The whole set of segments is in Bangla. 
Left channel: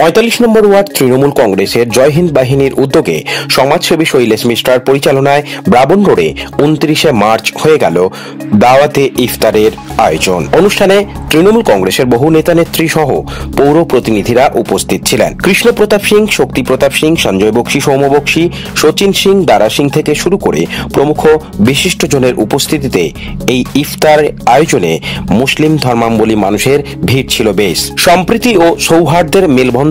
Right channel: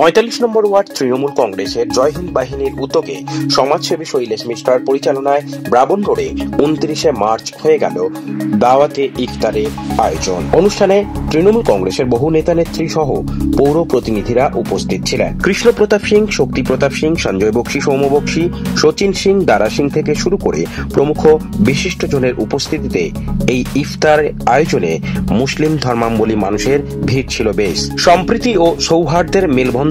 ৪৫ নম্বর ওয়ার্ড তৃণমূল কংগ্রেসের জয় হিন্দ বাহিনীর উদ্যোগে সমাজসেবী শৈলেশ মিশ্রার পরিচালনায় ব্রাবণ রোডে ২৯শে মার্চ হয়ে গেল দাওয়াতে ইফতারের আয়োজন। অনুষ্ঠানে তৃণমূল কংগ্রেসের বহু নেতা নেত্রী সহ পৌর প্রতিনিধিরা উপস্থিত ছিলেন। কৃষ্ণ প্রতাপ সিং, শক্তি প্রতাপ সিং, সঞ্জয় বক্সি, সৌম্য বক্সি, সচিন সিং, দারা সিং থেকে শুরু করে প্রমুখ বিশিষ্টজনের উপস্থিতিতে এই ইফতার আয়োজনে মুসলিম ধর্মাবলম্বী মানুষের ভিড় ছিল বেশ। সম্প্রীতি ও সৌহার্দ্যের মেলবন্ধনে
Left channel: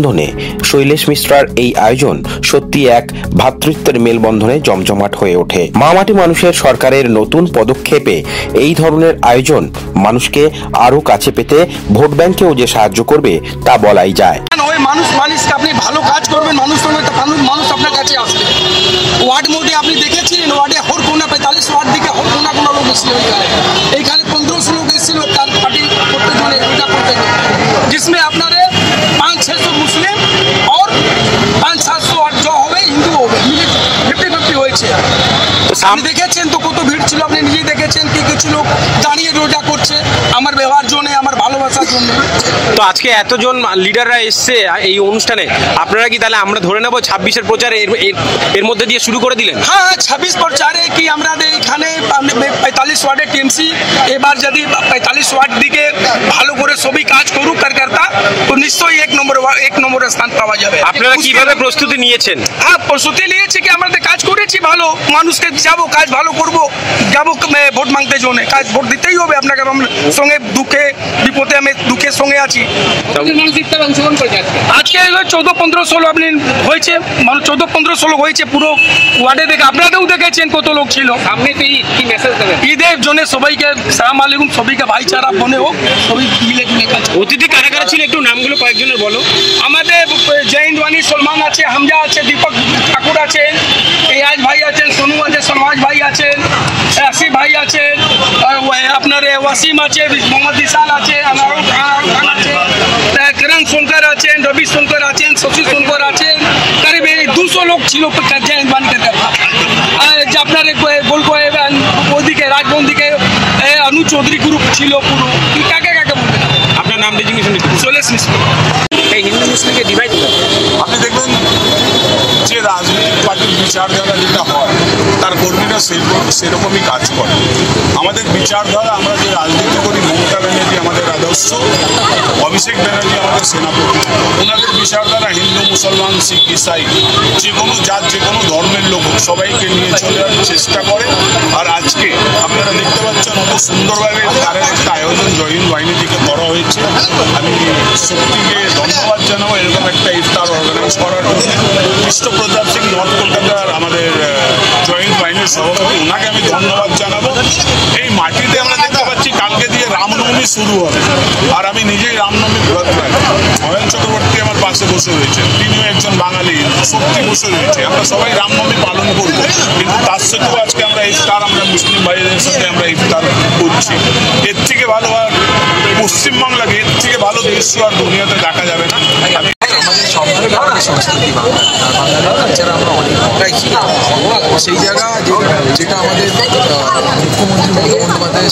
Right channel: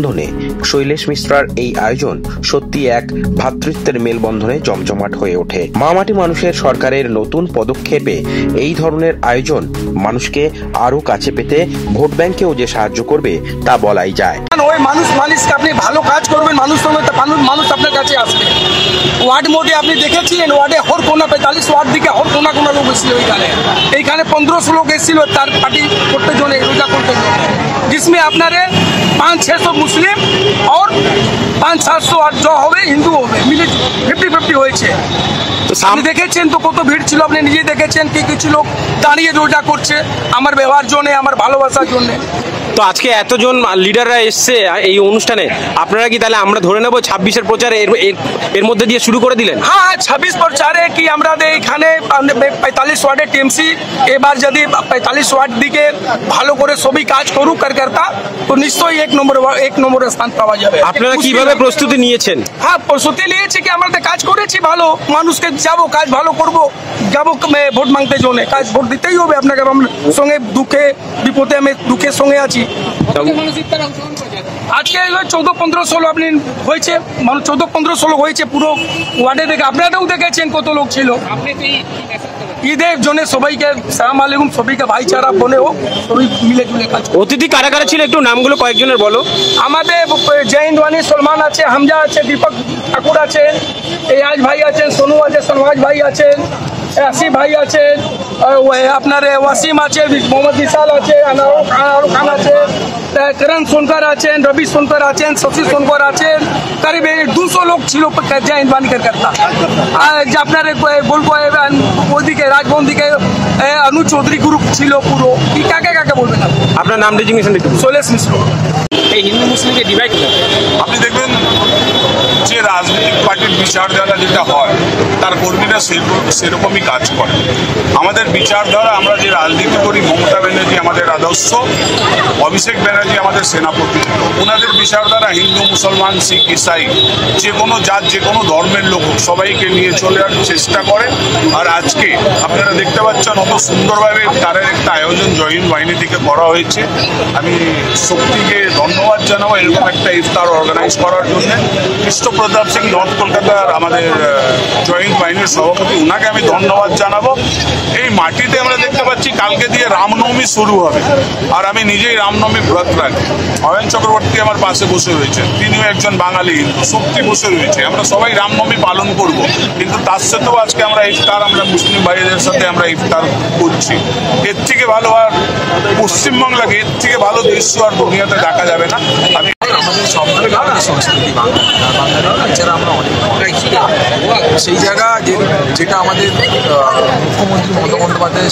শৈলেশ মিশ্রার এই আয়োজন সত্যি এক ভ্রাতৃত্বের মেলবন্ধনে জমজমাট হয়ে ওঠে। মামাটি মানুষের সরকারের নতুন পদক্ষেপে এই ধরনের আয়োজন মানুষকে আরো কাছে পেতে ভোট ব্যাংকেও যে সাহায্য করবে তা বলাই যায়। মানুষকে আপনি ভালো কাজ করবেন, মানুষ আপনার কাছে আসবে। ওয়ার্ড মধ্যে আপনি দেখেছিলেন, ওয়ার্ডে হর কোনা ৪৫ ওয়ার্ড দিকে হর কোনা লোক এসেছিল। এইখানে ১৫০০ লোক এসেছিল তার পার্টি করতে জন্য, রোজা করতে জন্য, जिसमें আপনারে ৫০০-৬০০ মুসলিম और ৫০০-৭০০ जो হবে হিন্দু হবে, মিলে 50-50 হয়েছে। আপনি দেখেছেন তো কত ভিড় ছিল, আপনি নিজেই দেখেছেন কি কিছু লোক দাঁড়িয়ে রোজা করছে আমার ব্যবহার জন্য, আমার ভালোবাসার জন্য। তো আজকে এতজন লিডাররা এসছে এই অনুষ্ঠানে, আপনারা কি তাহলে আমরা ধরে নেব ২৬-এর প্রচারে এর মধ্যে দিয়ে শুরু করে দিলেন? হ্যাঁ, ২৬ প্রচারে কি আমরা এখানে ৪৫ ওয়ার্ডের টিএমসি এবার যদি ৪৫ ওয়ার্ড দিকে ভালো করে সবই কাজ করুক কার্যকর্তা, তো নিশ্চয়ই এক নম্বর স্থান পাওয়া যাবে। আপনারা কিভাবে প্রস্তুতি নিয়েছেন? হ্যাঁ, প্রস্তুতি নিয়েছি কি আমরা কাজ করেছি ভালো, মানুষকে যাবো, কাজ ভালো করবো, যাবো ভোট মাংতে জন্য, কাজ ভোট দিতেই হবে আপনাকে। সঙ্গে দুঃখে বিপদে আমি দুঃখের সঙ্গে আছি। আজকে ১৪-১৫০০ আপনি হয়েছে, ১৪-১৫০০ হয়েছে পুরো ওয়ার্ডে। দেখে আপনারাও দেখেছেন কত লোক ছিল। ঈদের জন্য সবাইকে সালাম আলাইকুম, সবাইকে ভাইচারা বনে হোক, সবাই মিলে জুলে কাজ। অতিথি কারা কারা ছিল একটু নামগুলো কয়েকজনের বলো। আমাদের জয় হিন্দ বাহিনী সলমান আছে, হামজা আছে, দীপক ঠাকুর আছেন, এয়াজ ভাই আছেন, সোনু আছে, সলমাজ ভাই আছেন, আসিফ ভাই আছেন, আপনার ওয়াসিম আছে, মোহাম্মদ বিশাল আছে, আনারুল খান আছে, কিরণ সোনকার আছেন, রবি সোনকার আছেন, শশী সোনকার আছেন। করিব ২০০ লোক ছিল জয় হিন্দ বাহিনী কার্যকর্তা। আপনার বলবো ওইদিকে রাজভবন দিকে অনুজ চৌধুরী গ্রুপ ছিল পুরো। কি কাকে কাকে বলবেন? আপনার নাম ডেজিগনেশন শৈলেশ মিশ্র। এই হিন্দু মুসলিমকে ডিভাইড আপনি দেখবেন যে রাজনৈতিক পার্টির বিচারধারা যেটা হয় তার কর্মীরা সেরকমই কাজ করে। আমাদের বিচারধারা, আমরা যে রাজনীতি করি, মমতা ব্যানার্জি আমাদের আদর্শ, অভিষেক ব্যানার্জি আমাদের সেনাপতি, ওনাদের বিচারধারা হিন্দু, মুসলমান, শিখ, ইসাই, যে কোনো জাত, যে কোনো ধর্মের লোক সবাইকে নিয়ে চলার চেষ্টা করে। আর আজকে আপনারা দেখতে পাচ্ছেন অত সুন্দরভাবে তারের একটা আয়োজন জয় হিন্দ বাহিনী থেকে করা হয়েছে। আমি শক্তিকে ধন্যবাদ জানাবো এরকম একটা ইফতার অর্গানাইজ করার জন্য। কৃষ্ণ প্রতাপ সিং, নর্থ কলকাতার আমাদের জয় হিন্দ বাহিনীর সভাপতি, ওনাকে আমি ধন্যবাদ জানাবো। এই মাটিতে আমরা দেখতে পাচ্ছি কালকে দিয়ে রামনবমী শুরু হবে, আর আমি নিজেই রামনবমী ব্রত রাখি। অয়ন চক্রবর্তী আমার পাশে বসে রয়েছেন, তিনিও একজন বাঙালি হিন্দু। শক্তি বসে রয়েছে, আমরা সবাই রামনবমী পালন করব, কিন্তু তার সাথেও আজকে আমরা ইফতার, আমরা মুসলিম ভাইদের সাথে আমরা ইফতার করছি। এর থেকে ভালো আর পশ্চিমবাংলাকে, এর থেকে ভালো দৃশ্য আর দুনিয়াতে দেখা যাবে না। আমাদের সম্পর্কে আমাদের সংস্কৃতি বাংলা, আর বাঙালির কালচারে আমরা অনেক বড়াই ছিল। সেই জায়গা যেটা আমাদের মুখ্যমন্ত্রী মমতা বন্দ্যোপাধ্যায়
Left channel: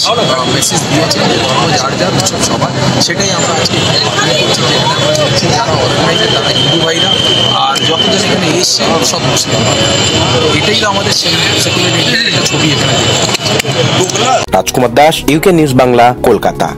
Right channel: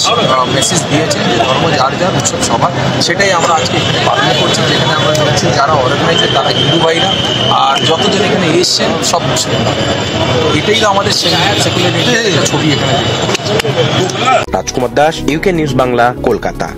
মেসেজ দিয়েছেন যে ধর্ম যার যার, উৎসব সবার, সেটাই আমরা আজকে এখানে পালন করছি। যেখানে আমরা দেখছি যারা অর্গানাইজার তারা হিন্দু ভাইরা, আর যতজন এখানে এসছেন সব মুসলিম ভাইরা। এটাই তো আমাদের সেকুলারিটির একটা ছবি এখানে দেখছি। রাজকুমার দাস, ইউকে নিউজ বাংলা, কলকাতা।